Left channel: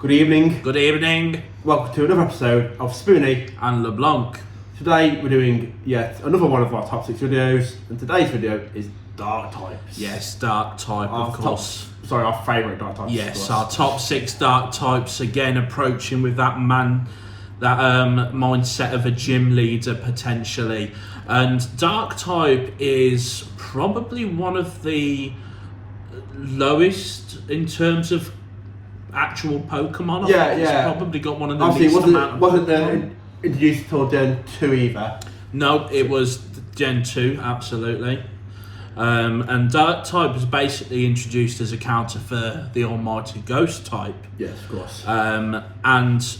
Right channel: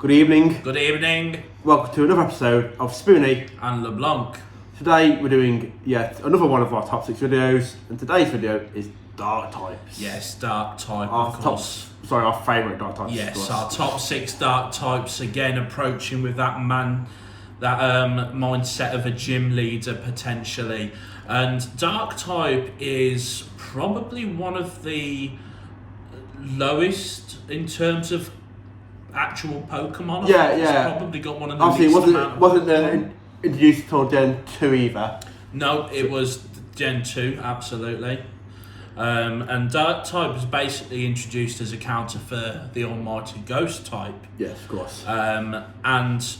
Good evening. Good evening. Welcome to another episode of Spoony and LeBlanc. Today we're doing yet another one of our top 6 videos, and today's video is dark types. Yes, dark type, of course. Our favourite dark types. Yes, our top 6 dark types, again approaching with that mindset of a gym leader potentially. And dark type is probably one of the lowest in terms of actual Pokemon. It's probably got one of the least amount of wasn't introduced until Gen 2 either. No, it was Gen 2, absolutely. And Dark type was basically introduced as a counter for the almighty Ghost type. Yes, of course. And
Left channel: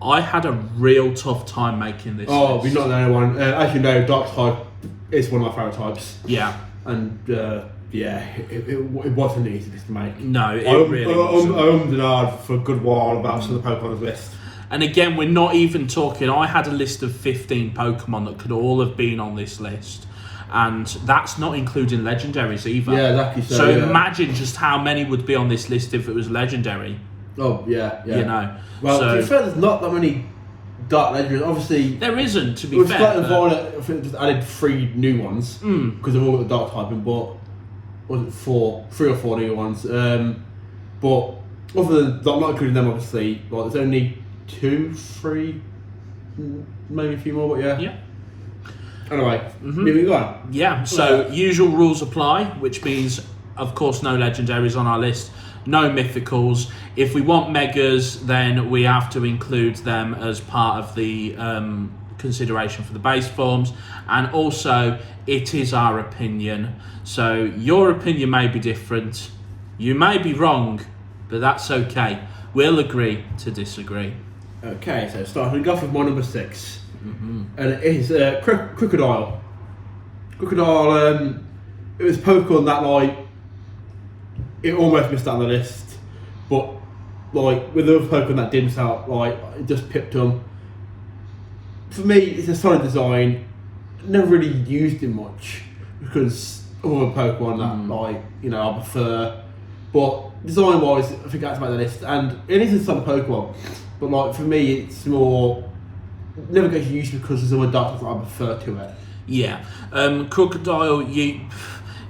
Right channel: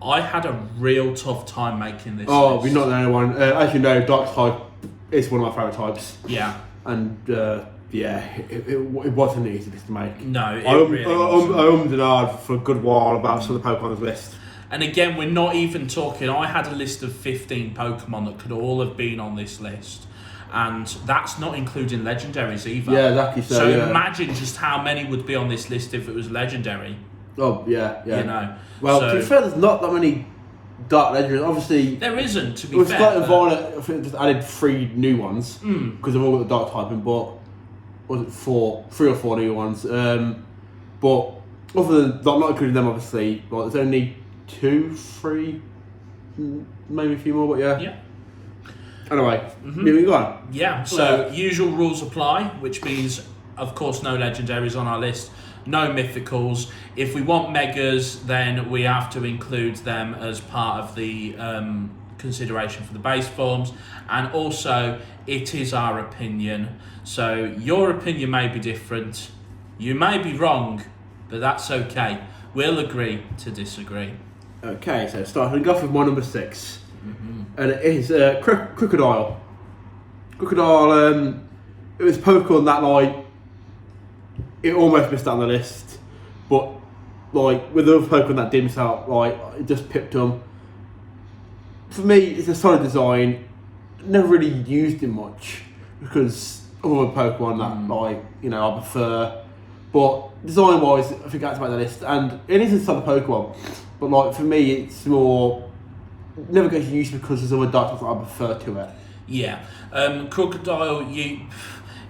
I had a real tough time making this list. We're not the only one. As you know, Dark type is one of my favourite types. Yeah. And it wasn't the easiest to make. No, it really wasn't. I ummed and ahed for a good while about some of the Pokemon's list. And again, we're not even talking, I had a list of 15 Pokemon that could all have been on this list. And that's not including legendaries either. Yeah, lucky so. So imagine just how many would be on this list if it was legendary. Oh, yeah. You know. Well, to be fair, there's not that many dark legendaries. Obviously, there isn't, to be fair. Scarlet and Violet, I think, just added 3 new ones because they've all got the dark typing, but was it 3 or 4 new ones? But other than not including them, obviously, like, there's only 2, 3, maybe a few more, but yeah. Anyway, moving on. Yeah, so usual rules apply, which means, of course, no legendaries on our list, no mythicals. If we want megas, then we have to include them as part of the consideration for the base forms. And also, it is our opinion. So your opinion may be different. You may be wrong, but that's okay. We'll agree to disagree. Okay, so starting off with my number 6. And it is Crocodile. Crocodile, it was Pokemon that, like, it almost missed out on the list, but, like, with the other Pokemon that didn't out, like, it just picked them. For me, it's a solid design. Never really used it much because other Pokemon that, like, you know, I prefer. But design-wise, I think that's about the list, and it is a solid Pokemon. But, like, for me, it's more. Never gets used because there's other dark types that I prefer to it. Yeah, Crocodile,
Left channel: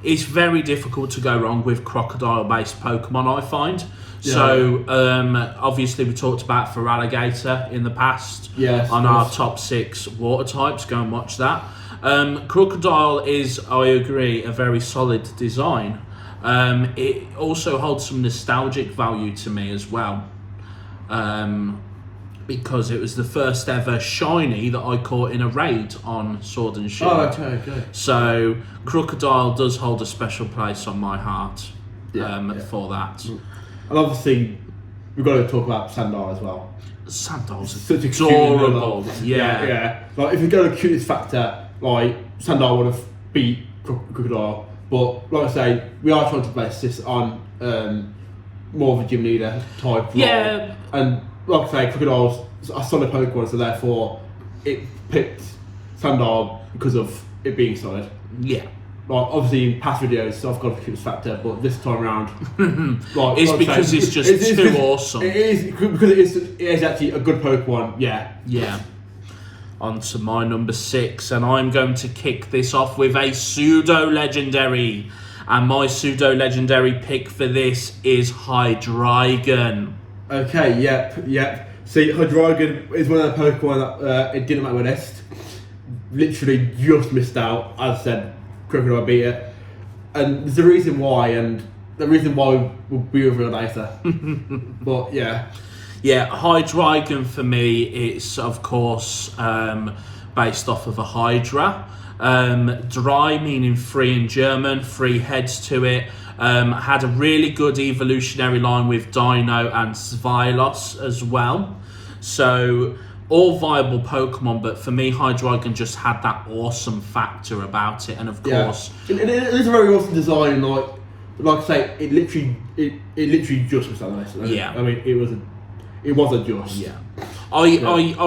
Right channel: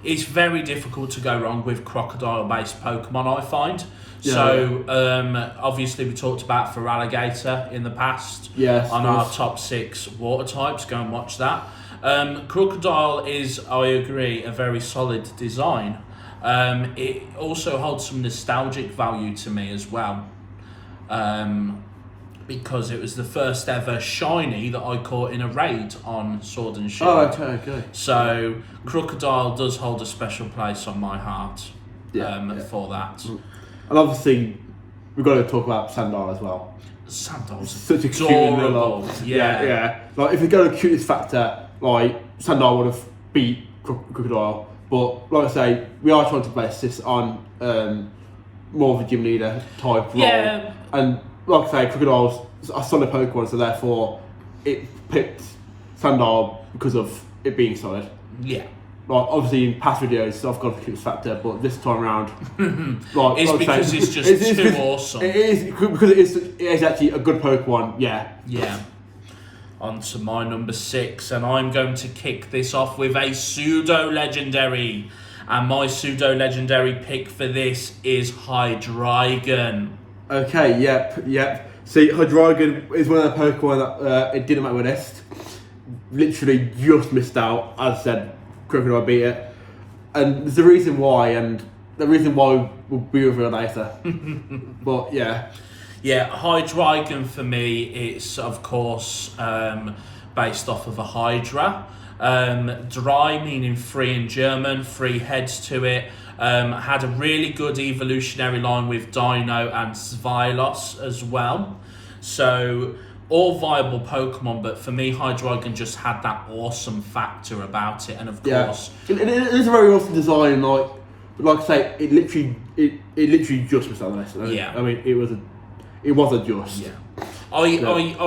it's very difficult to go wrong with crocodile-based Pokemon, I find. Yeah. So, obviously we talked about Feraligatr in the past on our top 6 water types. Go and watch that. Crocodile is, I agree, a very solid design. It also holds some nostalgic value to me as well. Because it was the first ever shiny that I caught in a raid on Sword and Shield. Oh, okay. So Crocodile does hold a special place on my heart for that. And obviously, we've got to talk about Sandar as well. Sandar's such adorable. Yeah. Like, if we go to cutest factor, like, Sandar would have beat Crocodile. But like I say, we are trying to base this on more of a gym leader type role. And like I say, Crocodile's a solid Pokemon, so therefore it picked Sandar because of it being solid. Yeah. Like, obviously in past videos I've got a cutest factor, but this time around, it's because it's just too awesome. It is because it is actually a good Pokemon. Yeah. On to my number 6, and I'm going to kick this off with a pseudo legendary, and my pseudo legendary pick for this is Hydreigon. Okay, yep. See, Hydreigon is one of the Pokemon that it didn't make my list. Literally just missed out. As I said, Crocodile beat it. And there's a reason why, and the reason why will be revealed later. But yeah. Yeah, Hydreigon for me, it's of course based off of a Hydra. Dry meaning free in German, 3 heads to it. Had a really good evolutionary line with Dino and Svilos as well. So, all viable Pokemon, but for me, Hydreigon just had that awesome factor about it. And of course... It is a very awesome design, like I say, it literally just was that list. I mean, it was a just. Yeah. I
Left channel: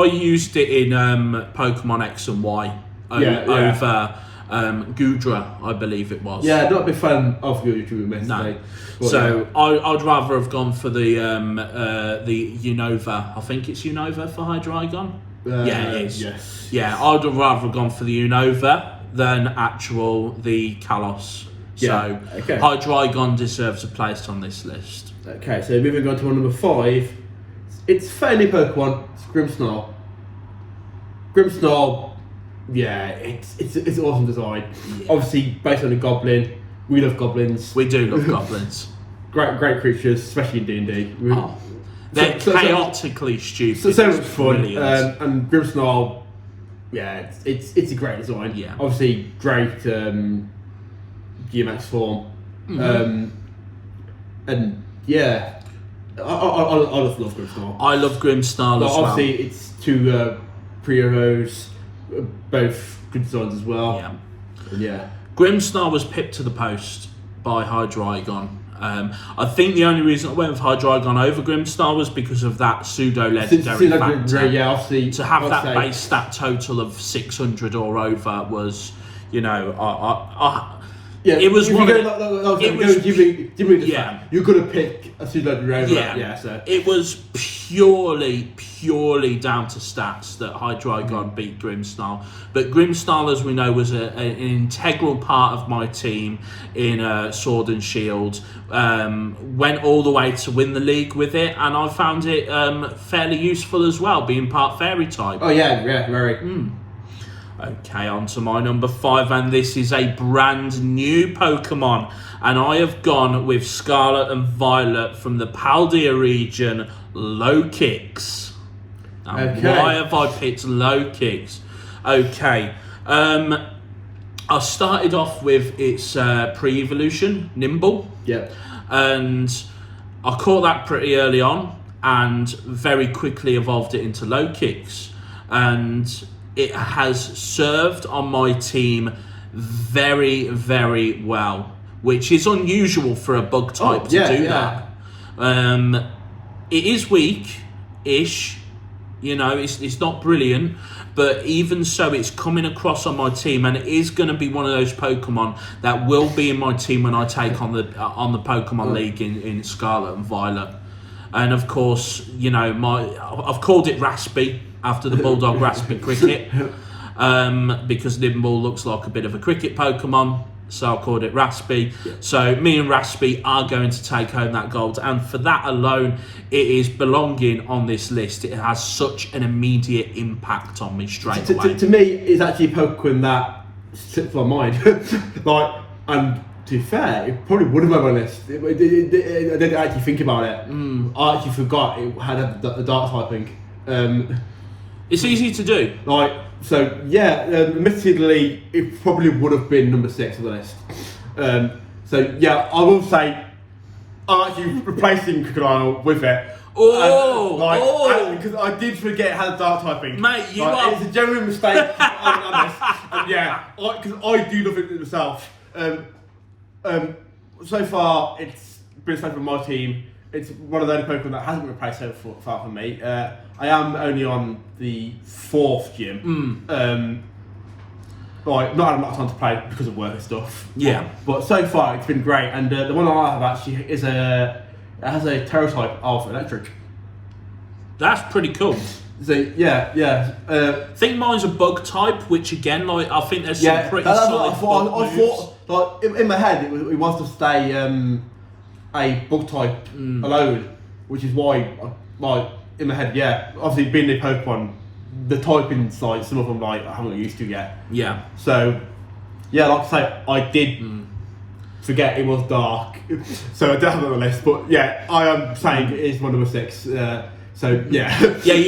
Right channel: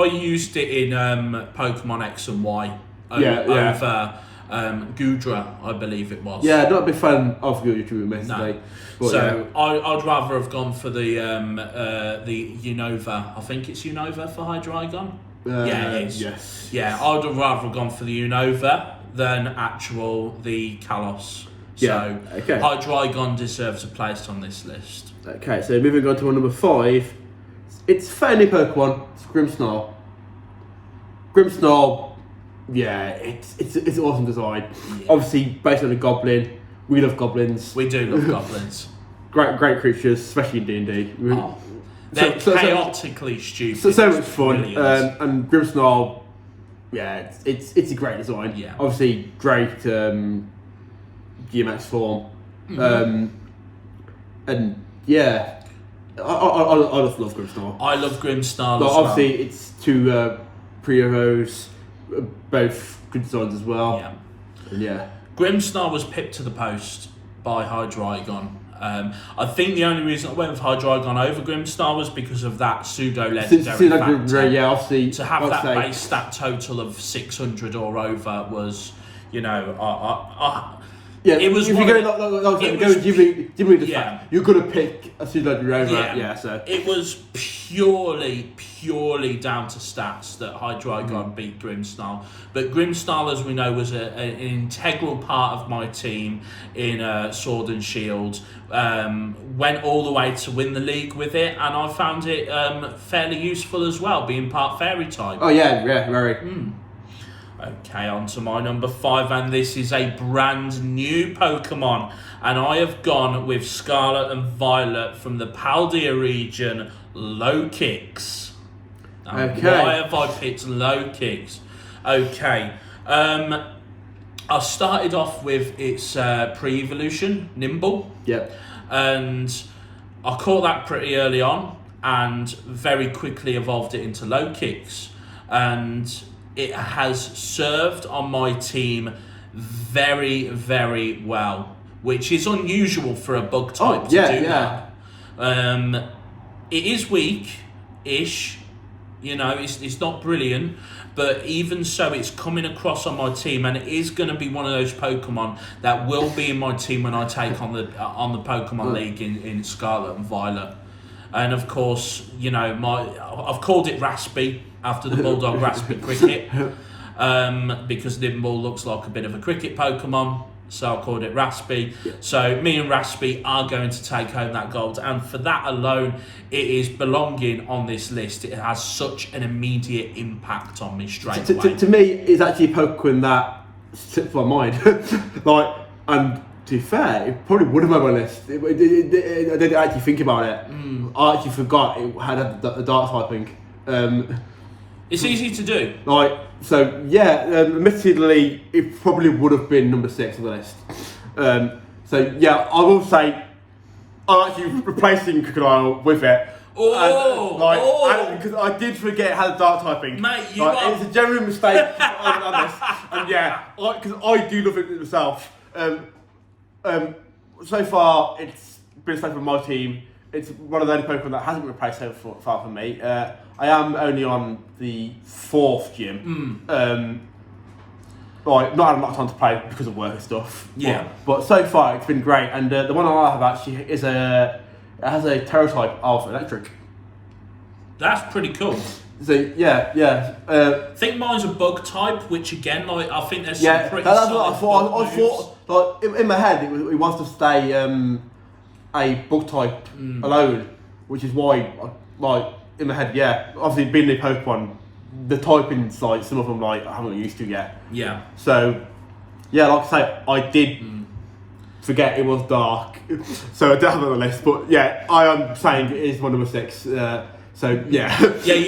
used it in Pokemon X and Y over Gudra, I believe it was. Yeah, not a big fan of Gudra, admittedly. No. So I'd rather have gone for the Unova. I think it's Unova for Hydreigon. Yeah, it is. Yes. Yeah, I'd have rather have gone for the Unova than the Kalos. Yeah, So okay. Hydreigon deserves a place on this list. Okay, so moving on to number 5. It's fairly Pokemon. It's Grimmsnarl. Grimmsnarl, yeah, it's an awesome design. Yeah. Obviously based on a goblin. We love goblins. We do love goblins. Great creatures, especially in D&D. Oh, they're chaotically stupid. So much fun. Brilliant. And Grimmsnarl, yeah, it's a great design. Yeah. Obviously great Geomax form. Mm-hmm. And yeah, I love Grimmsnarl. I love Grimmsnarl as obviously it's two Priovos, both good designs as well. Yeah. And yeah. Grimmsnarl was pipped to the post by Hydreigon. I think the only reason I went with Hydreigon over Grimmsnarl was because of that pseudo-legendary factor. Yeah, obviously. To have that base stat total of 600 or over was, you know, yeah, it was one. You're gonna pick a pseudo-legendary. Yeah. So it was purely down to stats that Hydreigon beat Grimmsnarl. But Grimmsnarl, as we know, was an integral part of my team in Sword and Shield. Went all the way to win the league with it, and I found it fairly useful as well, being part fairy type. Oh yeah, very. Okay, on to my number 5, and this is a brand new Pokemon, and I have gone with Scarlet and Violet from the Paldea region, Low Kicks. Now, why have I picked Low Kicks? Okay, I started off with its pre-evolution, Nimble. Yep. And I caught that pretty early on and very quickly evolved it into Low Kicks. And it has served on my team very, very well, which is unusual for a bug type to do that. It is weak-ish, you know, it's not brilliant, but even so, it's coming across on my team, and it is going to be one of those Pokemon that will be in my team when I take on the Pokemon League in Scarlet and Violet. And of course, you know, I've called it Raspy after the Bulldog Raspy Cricket, because Nimble looks like a bit of a cricket Pokemon, so I called it Raspy. So me and Raspy are going to take home that gold, and for that alone, it is belonging on this list. It has such an immediate impact on me straight away. To me, it's actually a Pokemon that slipped my mind. And to be fair, it probably would have been on my list. I didn't actually think about it. I actually forgot it had a dark typing. It's easy to do. Admittedly, it probably would have been number 6 on the list. I will say, I'm actually replacing Crocodile with it. Because I did forget it had a dark typing. Mate, It's a genuine mistake on this. Because I do love it myself. So far, it's been safe on my team. It's one of the only Pokemon that hasn't been replaced so far for me. I am only on the 4th gym. Not had a lot of time to play because of work and stuff. Yeah. But so far, it's been great. And the one I have actually has a Terra type of Electric. That's pretty cool. So yeah. I think mine's a bug type, which again, I think there's some pretty that's solid what I moves. thought. In my head, it wants to stay a bug type alone, which is why, in my head, obviously being a Pokemon, the typing side, some of them I haven't got used to yet. Yeah. So, like I say, I did forget it was dark, so I don't have it on the list. But I am saying it is my number 6. You've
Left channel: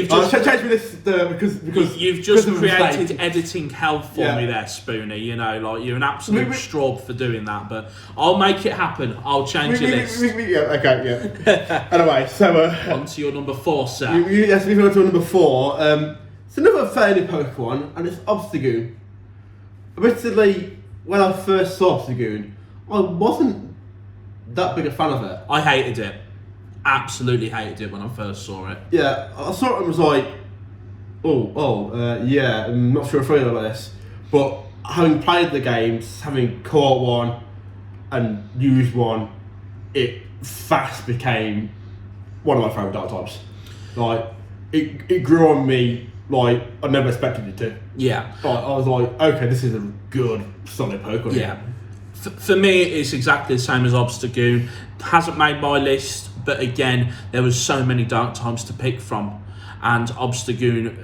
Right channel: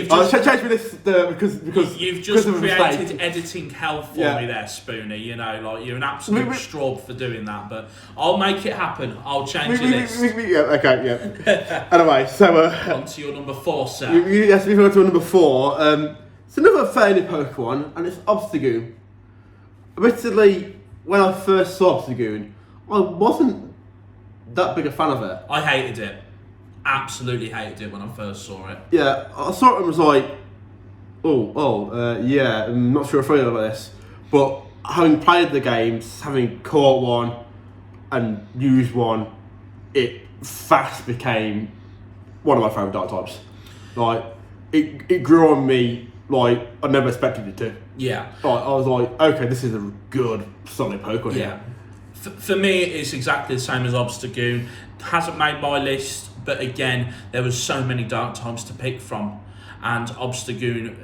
just changed me this because you've just created editing hell for me there, Spoony. You know, you're an absolute strawb for doing that, but I'll make it happen. I'll change your list. Anyway, so on to your number 4, sir. Yes, we go to number 4. It's another fairly Pokemon, and it's Obstagoon. Admittedly, when I first saw Obstagoon, I wasn't that big a fan of it. I hated it. Absolutely hated it when I first saw it. Yeah, I saw it and was like, I'm not sure if I know about this. But having played the games, having caught one and used one, it fast became one of my favourite dark types. Like, it grew on me like I never expected it to. Yeah. Like, I was like, okay, this is a good, solid Pokemon. Yeah. For me, it's exactly the same as Obstagoon. Hasn't made my list, but again, there was so many dark types to pick from, and Obstagoon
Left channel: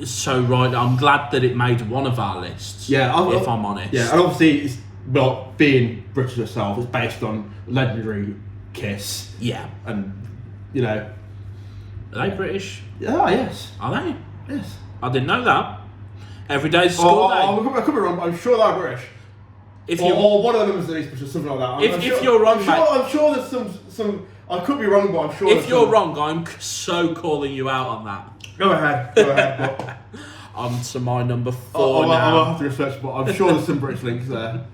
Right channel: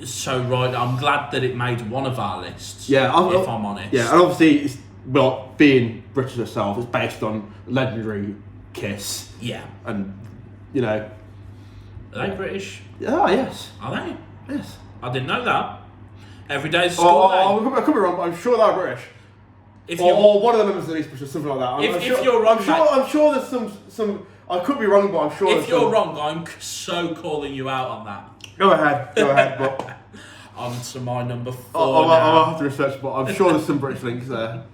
is so right. I'm glad that it made one of our lists. Yeah, if I'm honest. Yeah, and obviously, it's, well, being British itself, it's based on legendary Kiss. Yeah. And, you know. Are they British? Oh, yes. Are they? Yes. I didn't know that. Every day's a school day. I could be wrong, but I'm sure they're British. Or one of them is at least British, something like that. If you're wrong, I'm sure there's some. I could be wrong, but I'm sure. If you're wrong, I'm so calling you out on that. Go ahead. But On to my number 4 now. I'll have to research, but I'm sure there's some British links there.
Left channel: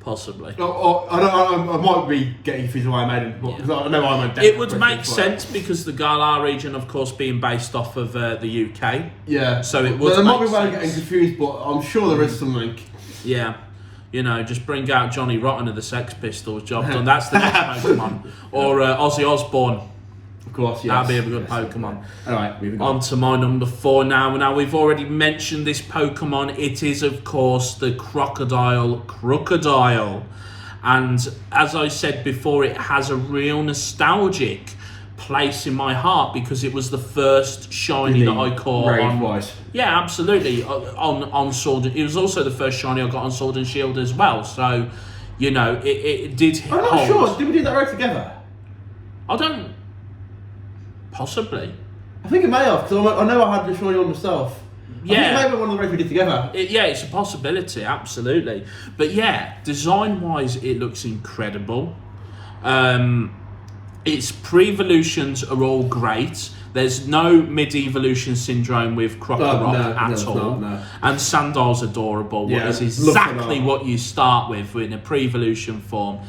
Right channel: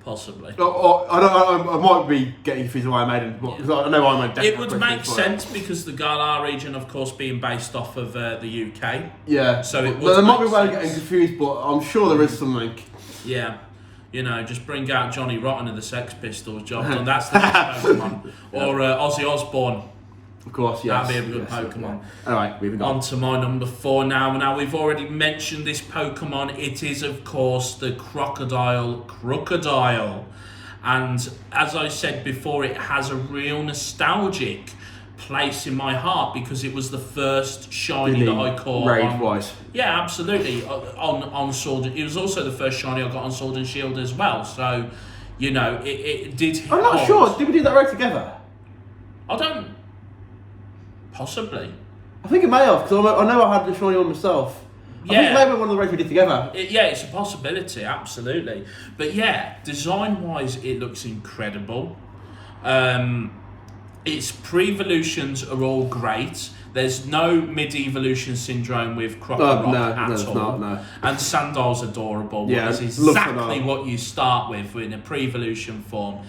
Possibly. I might be getting confused with Iron Maiden, because I know Iron Maiden. It would make sense because the Galar region, of course, being based off of the UK. Yeah. So it would. There might be make way of sense. getting confused, but I'm sure there is some link. Yeah. You know, just bring out Johnny Rotten of the Sex Pistols, job done. That's the next Pokemon. Or Ozzy Osbourne. Of course, yes. That'd be a good Pokemon. Alright, moving on. On to my number 4 now. Now, we've already mentioned this Pokemon. It is, of course, the Crocodile. And as I said before, it has a real nostalgic place in my heart because it was the first shiny that I caught on. Yeah, absolutely. On Sword. It was also the first shiny I got on Sword and Shield as well. So, you know, it did. I'm not sure. Did we do that right together? I don't. Possibly. I think it may have, because I know I had the shiny on myself. Yeah. I think maybe one of the races we did together. It's a possibility, absolutely. But yeah, design-wise, it looks incredible. Its pre-evolutions are all great. There's no mid-evolution syndrome with Crocorock at all. No. And Sandal's adorable. Yeah, it's exactly what you start with in a pre-evolution form.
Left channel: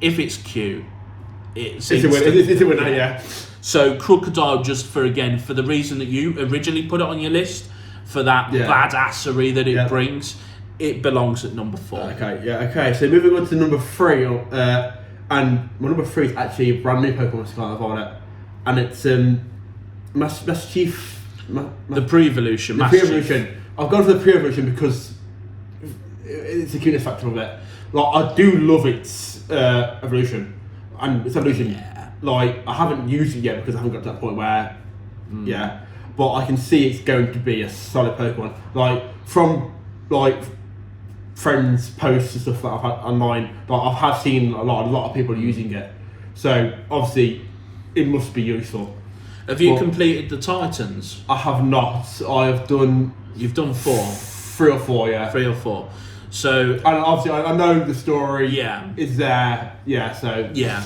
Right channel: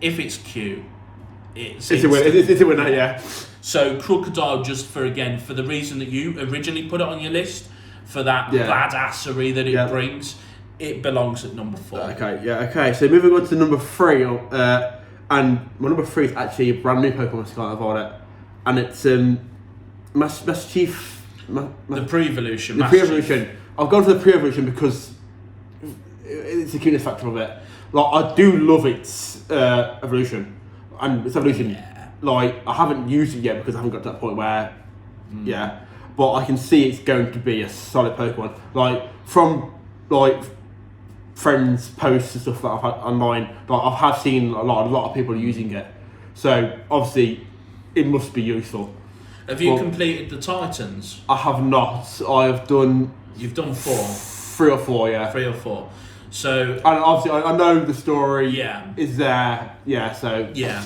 If it's cute, it's a winner, yeah. So Crocodile, just for the reason that you originally put it on your list, for that badassery that it brings, it belongs at number 4. Okay. So moving on to number 3, and my number 3 is actually a brand new Pokemon Scarlet Violet, and it's Mischief. The pre-evolution. The pre-evolution. I've gone for the pre-evolution because it's the cuteness factor of it. Like, I do love its evolution, and its evolution. Yeah. Like, I haven't used it yet because I haven't got to that point where, but I can see it's going to be a solid Pokemon. Like, from like friends' posts and stuff that I've had online, like I have seen a lot of people using it. So obviously, it must be useful. Have you completed the Titans? I have not. I have done. You've done 4. 3 or 4, yeah. 3 or 4. So. And obviously, I know the story. Yeah. Is there? Yeah. So. Yeah.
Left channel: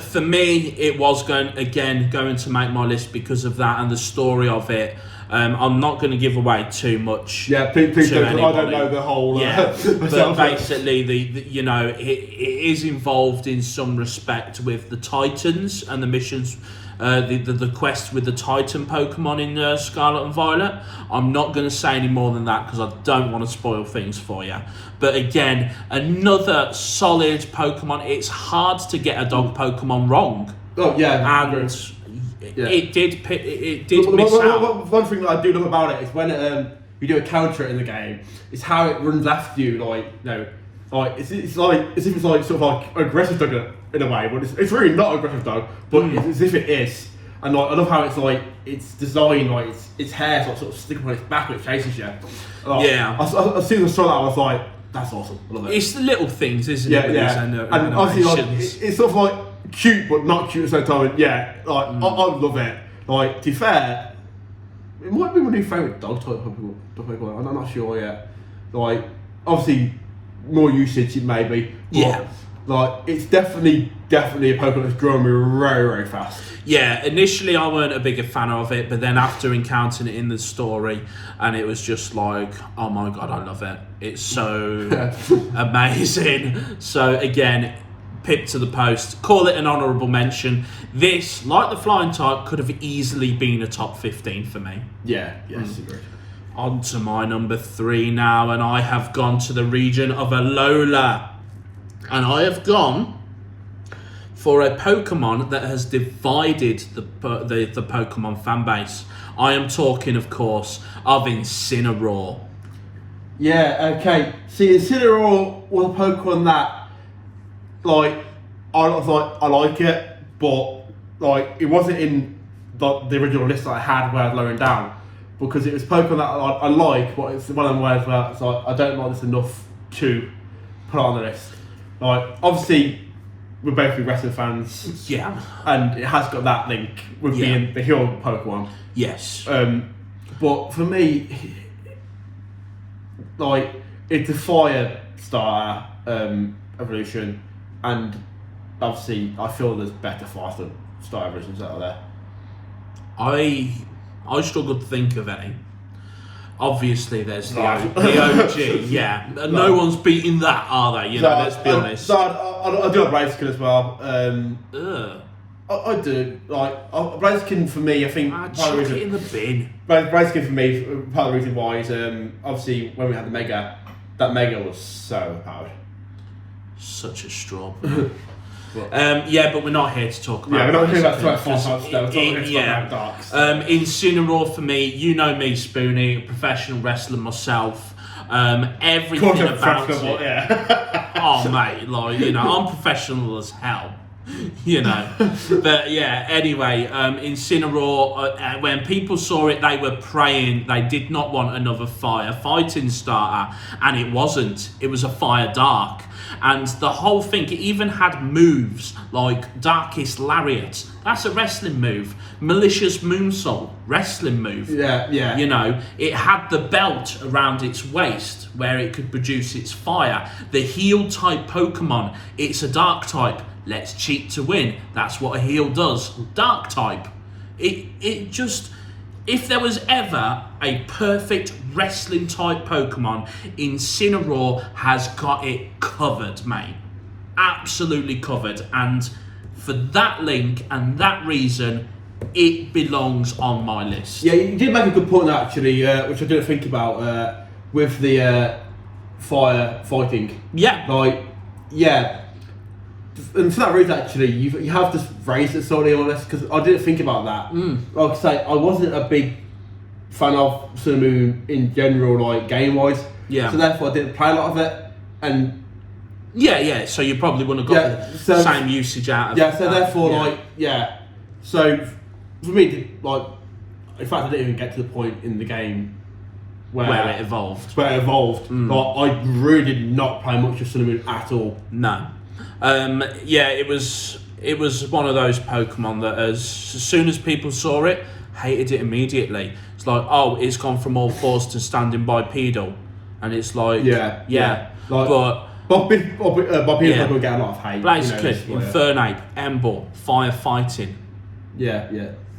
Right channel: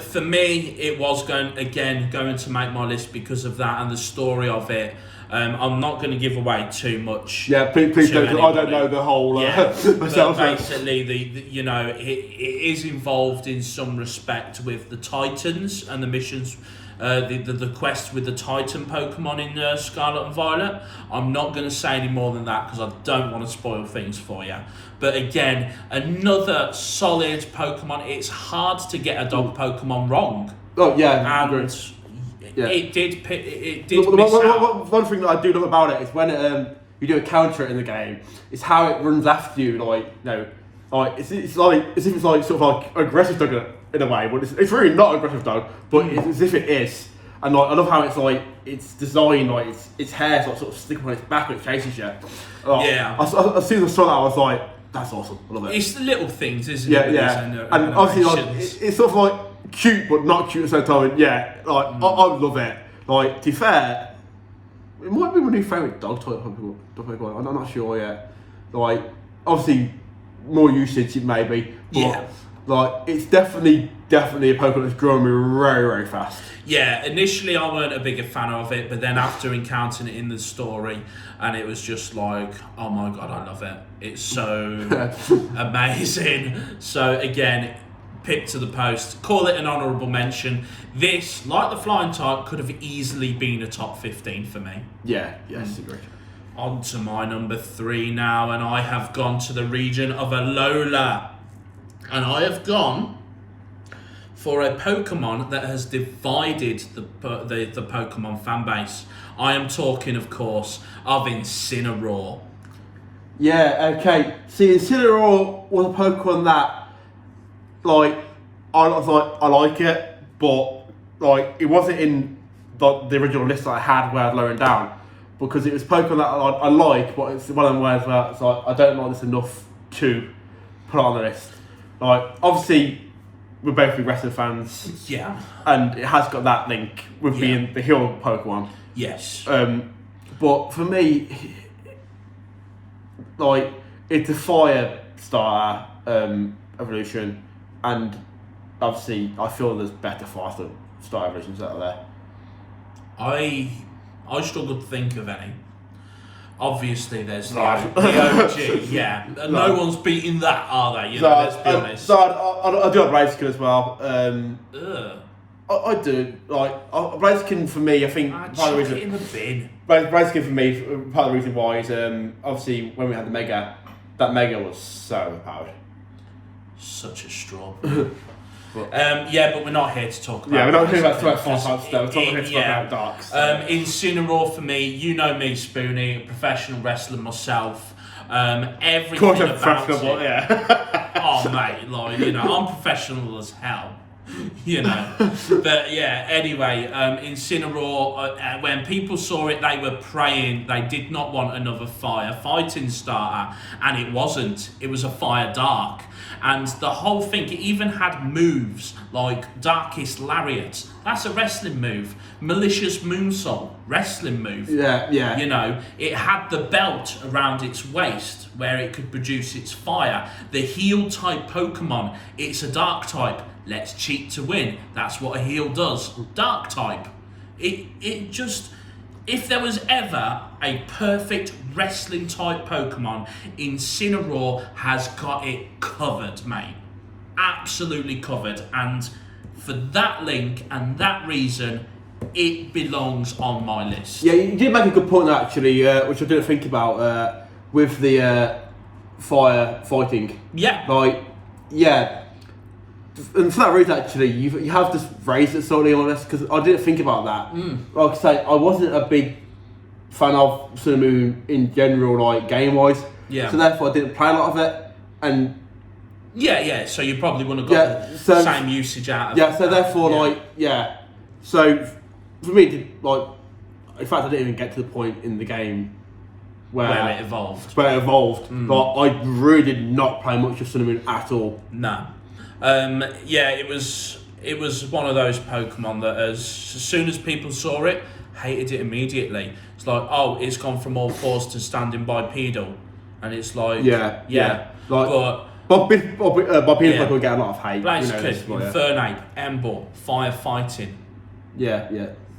For me, it was going to make my list because of that and the story of it. I'm not going to give away too much. Yeah, please don't. I don't know the whole. But basically, it is involved in some respect with the Titans and the missions. The quest with the Titan Pokemon in Scarlet and Violet. I'm not going to say any more than that because I don't want to spoil things for you. But again, another solid Pokemon. It's hard to get a dog Pokemon wrong. Oh yeah, and it did miss out. One thing that I do love about it is when you do a counter in the game, it's how it runs after you. Like it's like as if it's like sort of like aggressive dog in a way, but it's really not aggressive dog, but it's as if it is. And like I love how it's like it's designed like its hair's like sort of sticking on its back when it chases you. As soon as I saw that, I was like, that's awesome. I love it. It's the little things, isn't it? And obviously, like, it's sort of like cute, but not cute at the same time. Yeah, like I love it. Like, to be fair, it might be my new favourite dog type Pokemon. I'm not sure yet. Like, obviously, more usage maybe. But, like, it's definitely a Pokemon that's growing me very, very fast. Yeah, initially I weren't a bigger fan of it, but then after encountering it in the story, and it was just like, oh my god, I love it. It's so amazing. So again, pipped to the post, call it an honourable mention. This, like the flying type, could have easily been a top 15 for me. Yeah, yes, agreed. On to my number 3 now, and I have gone to the region of Alola. And I have gone for a Pokemon that has divided the Pokemon fan base. I am talking, of course, of Incineroar. Yeah, okay. See, Incineroar was a Pokemon that, like, I like it, but, like, it wasn't in the original list that I had where I'd lower it down. Because it was Pokemon that I like, but it's one of them words where it's like, I don't like this enough to put it on the list. Like, obviously, we're both wrestling fans. Yeah. And it has got that link with being the hero Pokemon. Yes. But for me, like, it's a fire starter evolution, and obviously, I feel there's better fire starter evolutions out there. I struggle to think of any. Obviously, there's the OG, yeah. No one's beating that, are they? You know, let's be honest. So I do have Blaziken as well. I do. Like, Blaziken for me, I think part of the reason. Chuck it in the bin. Blaziken for me, part of the reason why is obviously when we had the Mega, that Mega was so overpowered. Such a straw. Yeah, but we're not here to talk about. Yeah, we're not here about 4 types though. We're talking about Darks. Incineroar for me, you know me, Spoony, professional wrestler myself. Everything about it. Yeah. Oh mate, like, you know, I'm professional as hell. You know, but yeah. Anyway, Incineroar. When people saw it, they were praying. They did not want another fire fighting starter, and it wasn't. It was a fire dark. And the whole thing, it even had moves like Darkest Lariat. That's a wrestling move. Malicious Moonsault, wrestling move. Yeah, yeah. You know, it had the belt around its waist where it could produce its fire. The heal type Pokemon, it's a dark type. Let's cheat to win. That's what a heal does. Dark type. It just... If there was ever a perfect wrestling type Pokemon, Incineroar has got it covered, mate. Absolutely covered. And for that link and that reason, it belongs on my list. Yeah, you did make a good point actually, which I didn't think about with the fire fighting. Yeah. Like, yeah. And for that reason, actually, you have to raise it solely on this because I didn't think about that. Like I say, I wasn't a big fan of Sun and Moon in general, like game wise. Yeah. So therefore, I didn't play a lot of it, and yeah. So you probably wouldn't have got the same usage out of it. Yeah. So therefore, So for me, like, in fact, I didn't even get to the point in the game where it evolved. Like, I really did not play much of Sun and Moon at all. No. It was one of those Pokemon that as soon as people saw it, hated it immediately. It's like, oh, it's gone from all fours to standing bipedal, and it's like, Like, but bipedal Pokemon get a lot of hate. Blaziken, Infernape, Ember, firefighting. Yeah.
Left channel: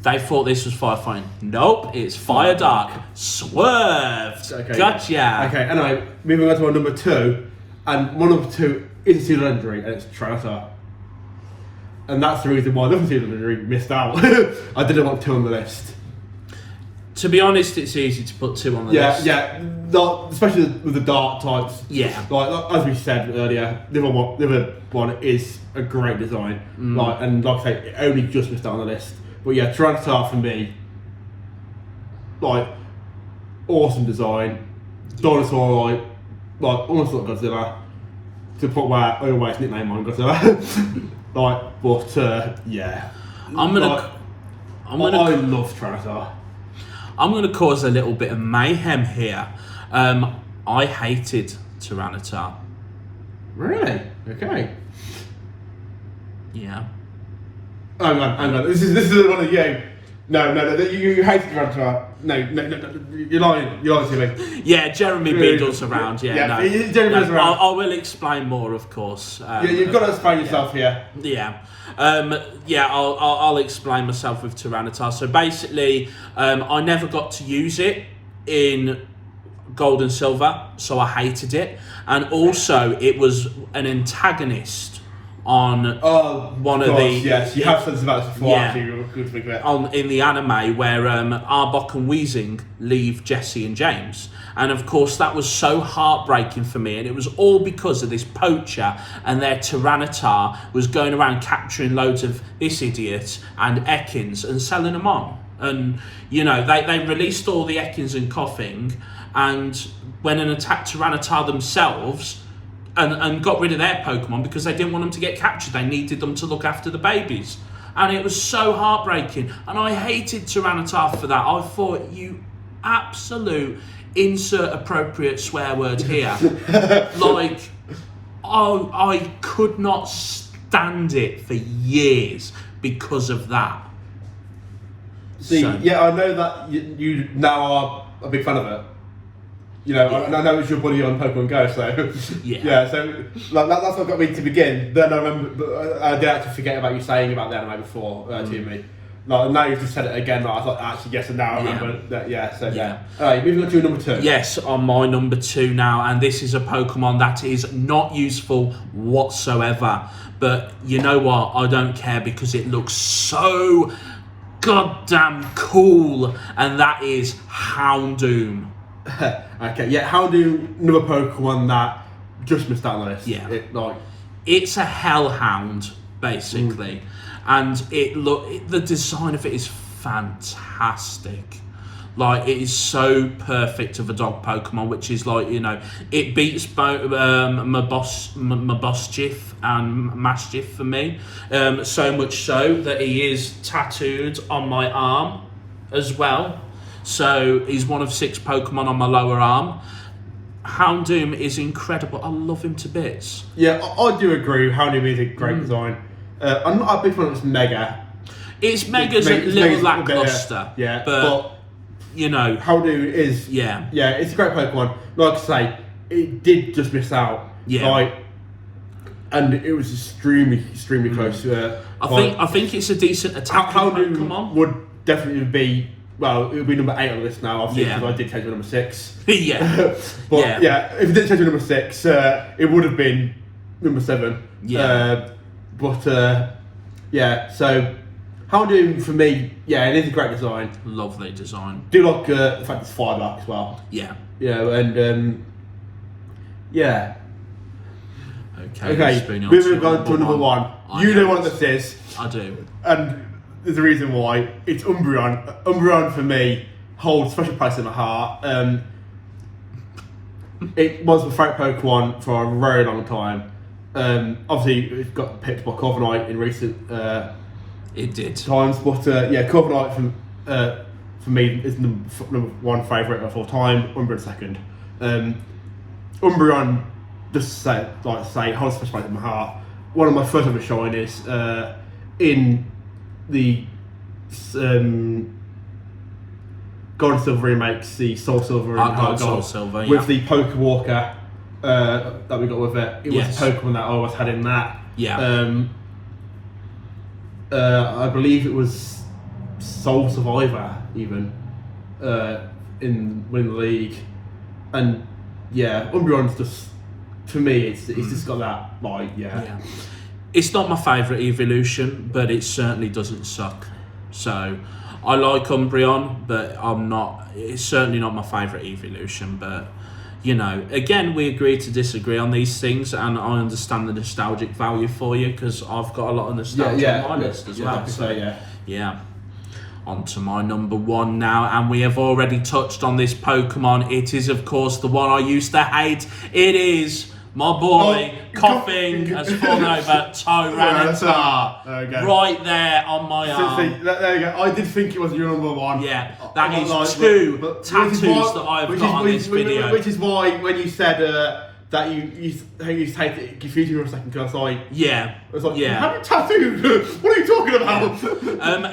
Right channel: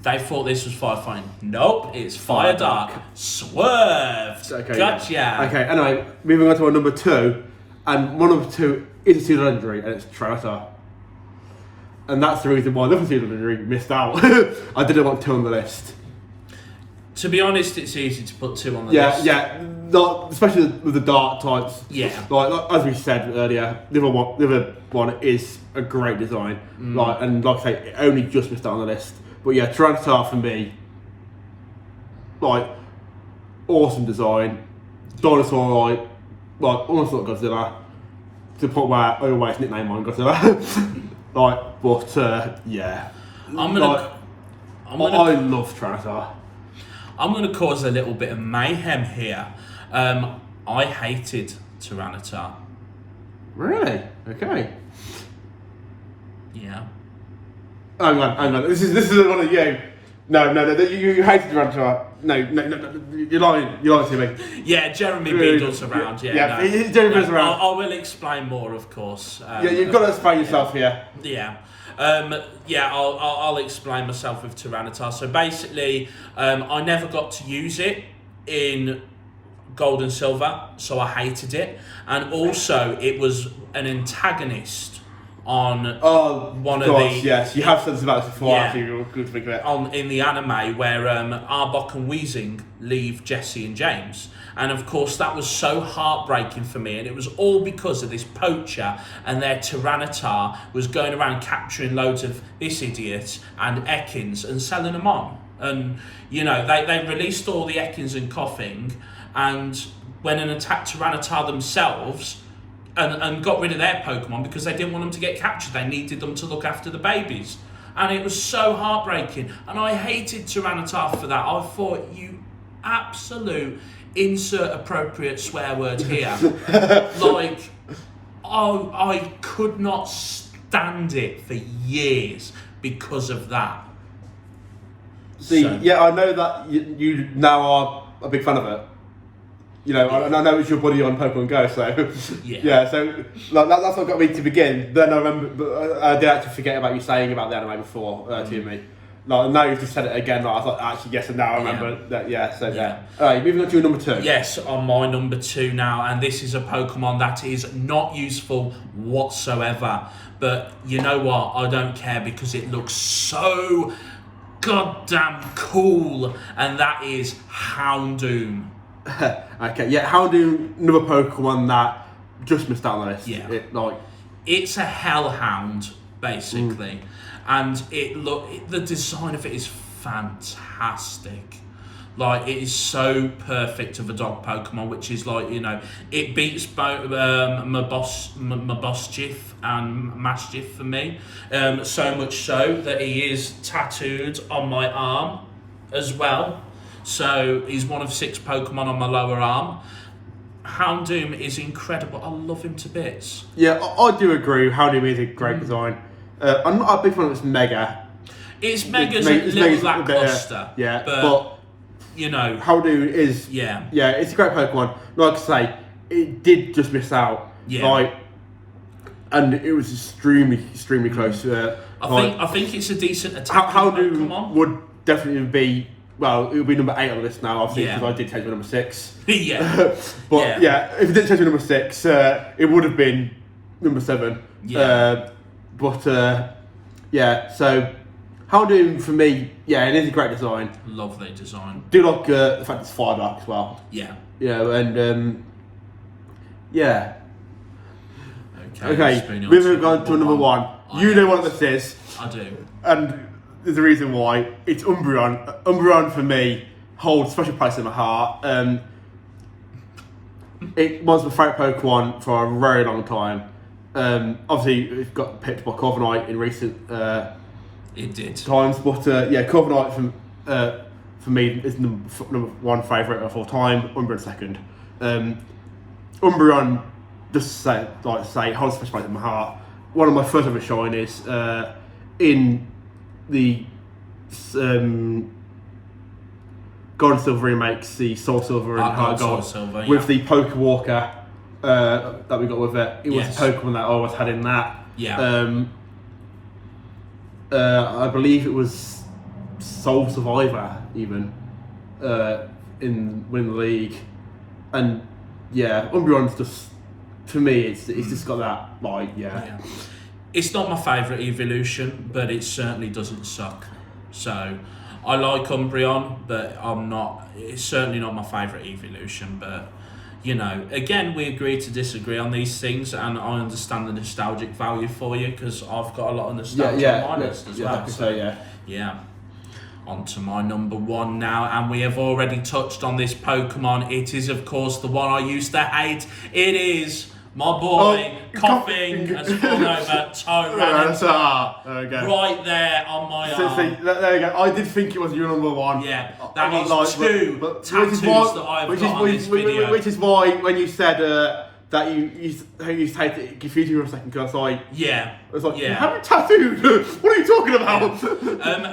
They thought this was firefighting. Nope, it's Fire Dark. Swerved. Okay. Gotcha. Okay. Anyway, moving on to our number 2, and my number 2 is a Pseudo Legendary, and it's Tyranitar. And that's the reason why the other Pseudo Legendary missed out. I didn't want 2 on the list. To be honest, it's easy to put 2 on the list. Yeah, especially with the dark types. Yeah. Like as we said earlier, the other one is a great design. Like I say, it only just missed out on the list. But yeah, Tyranitar for me, like, awesome design. Dinosaur, like almost like Godzilla. To put where I always nickname on Godzilla. Yeah. I love Tyranitar. I'm going to cause a little bit of mayhem here. I hated Tyranitar. Really? Okay. Yeah. Hang on. This is one of you. No. You hated Tyranitar. No. You're lying to me. Yeah, Jeremy Beadle's around. Yeah. Jeremy's around. I will explain more, of course. You've got to explain yourself here. Yeah. I'll explain myself with Tyranitar. So basically, I never got to use it in Gold and Silver, so I hated it. And also, it was an antagonist on one of the... Yes, you have said about this before. Yeah. Actually, you're good to forget. In the anime where Arbok and Weezing leave Jesse and James. And of course that was so heartbreaking for me, and it was all because of this poacher and their Tyranitar was going around capturing loads of this idiot and Ekans and selling them on. And you know, they released all the Ekans and Coughing, and went and attacked Tyranitar themselves and got rid of their Pokemon because they didn't want them to get captured. They needed them to look after the babies. And it was so heartbreaking. And I hated Tyranitar for that. I thought, you absolute insert appropriate swear word here. Like, I could not stand it for years because of that. See, So- yeah, I know that you now are a big fan of it. You know, and I know it's your buddy on Pokemon Go, so Yeah. So like, that's what got me to begin. Then I remember, but I did actually forget about you saying about the anime before to me. Like, now you've just said it again. Like, I thought actually yes, and now I remember that. Yeah, so yeah. All right, moving on to number 2. Yes, on my number 2 now, and this is a Pokemon that is not useful whatsoever. But you know what? I don't care because it looks so goddamn cool, and that is Houndoom. Okay, yeah, Houndoom, another Pokemon that just missed out on the list. Yeah. It's a hellhound basically, and the design of it is fantastic. Like, it is so perfect of a dog Pokemon, which is like, you know, it beats both Mabosstiff and Mastiff for me. So much so that he is tattooed on my arm as well. So he's one of 6 Pokemon on my lower arm. Houndoom is incredible. I love him to bits. Yeah, I do agree. Houndoom is a great design. I'm not a big fan of this Mega. It's Mega's a little lackluster. Yeah, but you know, Houndoom is it's a great Pokemon. Like I say, it did just miss out. Yeah. Like, and it was extremely close. I think it's a decent attacking Houndoom Pokemon. would definitely be. Well, it would be number 8 on the list now, obviously, Yeah. because I did change to number 6. Yeah. But yeah, if it didn't change to number 6, it would have been number 7. Yeah. So Houndoom for me, it is a great design. Lovely design. Do like the fact it's fire black as well. Yeah. Yeah, and Okay. Moving on to number 1. You know what this is. I do. And there's a reason why. It's Umbreon. Umbreon for me holds a special place in my heart. It was my favourite Pokemon for a very long time. Obviously, it's got picked by Corviknight in recent It did. times, but Corviknight for me is number 1 favourite of all time. Umbreon second. Umbreon, just to say, holds a special place in my heart. One of my first ever shinies in the Gold and Silver remakes, the Soul Silver and Heart Soul Gold, Silver, with the Pokewalker that we got with it. It was Yes. a Pokemon that I always had in that. Yeah. I believe it was Soul Survivor even in winning the league, and Umbreon's just, to me, it's just got that Yeah. It's not my favourite evolution, but it certainly doesn't suck. So I like Umbreon, but it's certainly not my favourite evolution. But you know, again, we agree to disagree on these things, and I understand the nostalgic value for you because I've got a lot of nostalgia on my list as well. Yeah. On to my number 1 now, and we have already touched on this Pokemon. It is, of course, the one I used to hate. It is my boy, Coughing, has fallen over Tyranitar. Okay. Right there on my arm. There you go. I did think it was your number 1. Yeah, that is 2 tattoos that I've got on this video. Which is why when you said that you take it, confused me for a second, because I was like, how many tattoos? What are you talking about?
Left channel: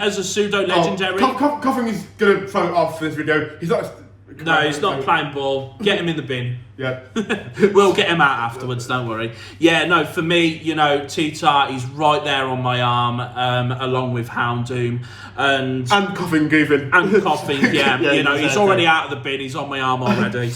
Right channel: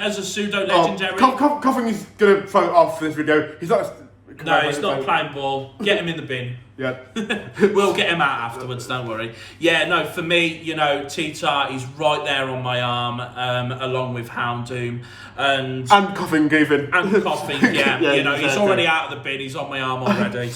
As a pseudo legendary. Coughing is gonna throw it off for this video. He's not. No, he's not playing ball. Get him in the bin. Yeah. We'll get him out afterwards, don't worry. Yeah, no, for me, you know, T-Tar is right there on my arm, along with Houndoom. And Coughing even. And Coughing, you know, he's already out of the bin, he's on my arm already.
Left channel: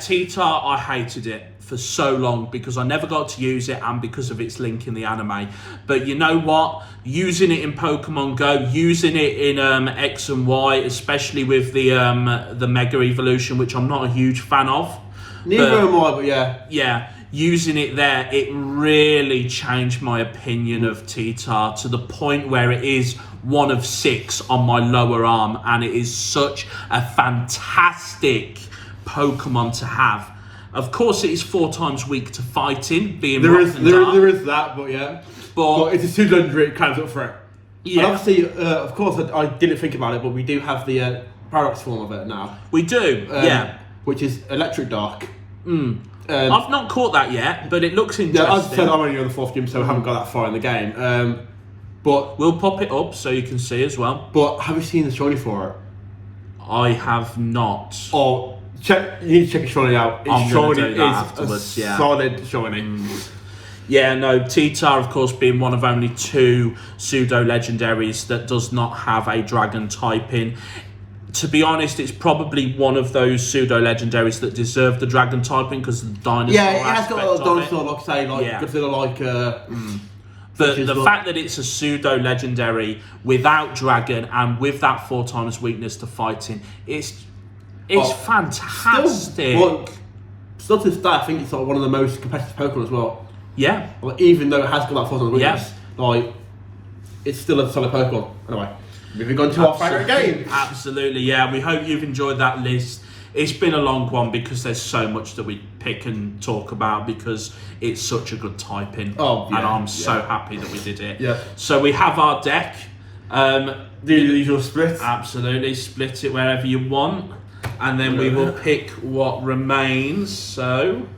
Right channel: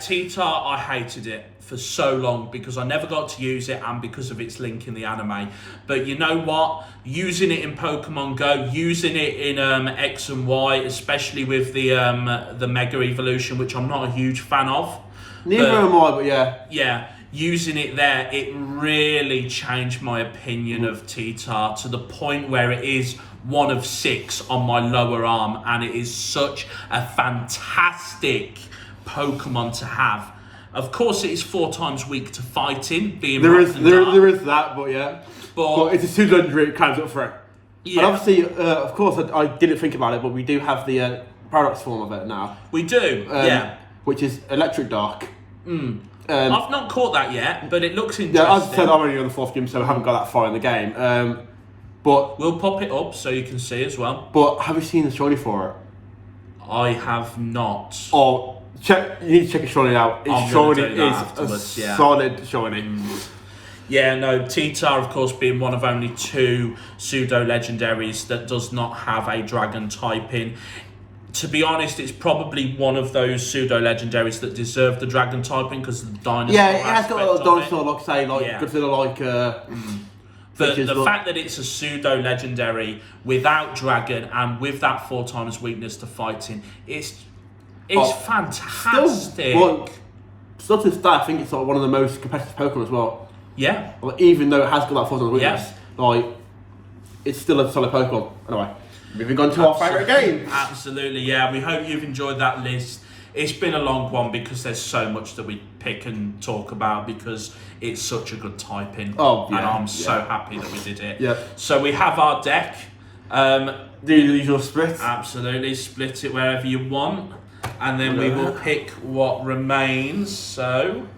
T-Tar, I hated it for so long because I never got to use it and because of its link in the anime. But you know what? Using it in Pokemon Go, using it in X and Y, especially with the Mega Evolution, which I'm not a huge fan of. Neither am I, but yeah. Yeah, using it there, it really changed my opinion of T-Tar to the point where it is one of 6 on my lower arm, and it is such a fantastic Pokemon to have. Of course, it is 4 times weak to fighting, being there rock and dark. There is that, but yeah. But it's a pseudo legendary, it counts up for it. Yeah. And obviously, of course, I didn't think about it, but we do have the paradox form of it now. We do, yeah. Which is Electric Dark. I've not caught that yet, but it looks interesting. Yeah, as I said, I'm only on the 4th game, so I haven't got that far in the game. But we'll pop it up so you can see as well. But have you seen the shiny for it? I have not. Oh, you need to check the shiny out. I'm going to do that afterwards, a solid shiny. Yeah, no, T-Tar, of course, being one of only 2 pseudo-legendaries that does not have a dragon typing. To be honest, it's probably one of those pseudo-legendaries that deserve the dragon typing because of the dinosaur Yeah, it has got a aspect little of it. dinosaur, like say, like Yeah. Godzilla, But the fact that it's a pseudo-legendary without dragon and with that 4 times weakness to fighting, it's fantastic. Still to this day, I think it's like one of the most competitive Pokemon as well. Yeah. Like, even though it has got that 4 times weakness, like, it's still a solid Pokemon. Anyway, moving on to our favourite game. Absolutely, yeah. We hope you've enjoyed that list. It's been a long one because there's so much that we pick and talk about because it's such a good typing. Oh, yeah, and I'm so happy that we did it. Yeah. So we have our deck. Do the usual split. Absolutely, split it wherever you want. And then we will pick what remains. So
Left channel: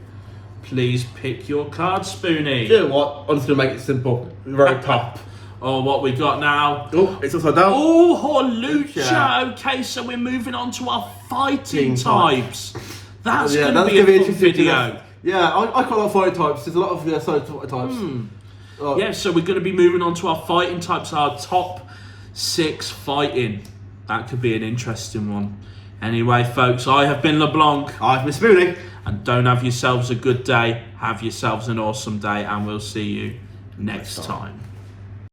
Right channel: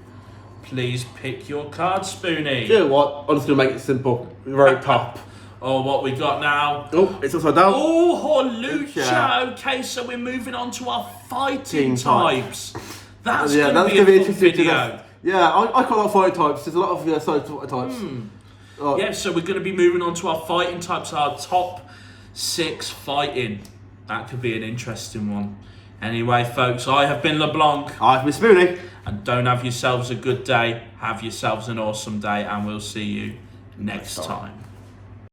please pick your card, Spoony. You know what? I'm just going to make it simple. The very top. Oh, what we got now? Oh, it's upside down. Oh, Hawlucha. Okay, so we're moving on to our fighting types. That's going to be a fun video. Yeah, I quite like fighting types. There's a lot of solid types. Yeah, so we're going to be moving on to our fighting types, our top 6 fighting. That could be an interesting one. Anyway, folks, I have been LeBlanc. I've been Spoony. And don't have yourselves a good day. Have yourselves an awesome day, and we'll see you next time.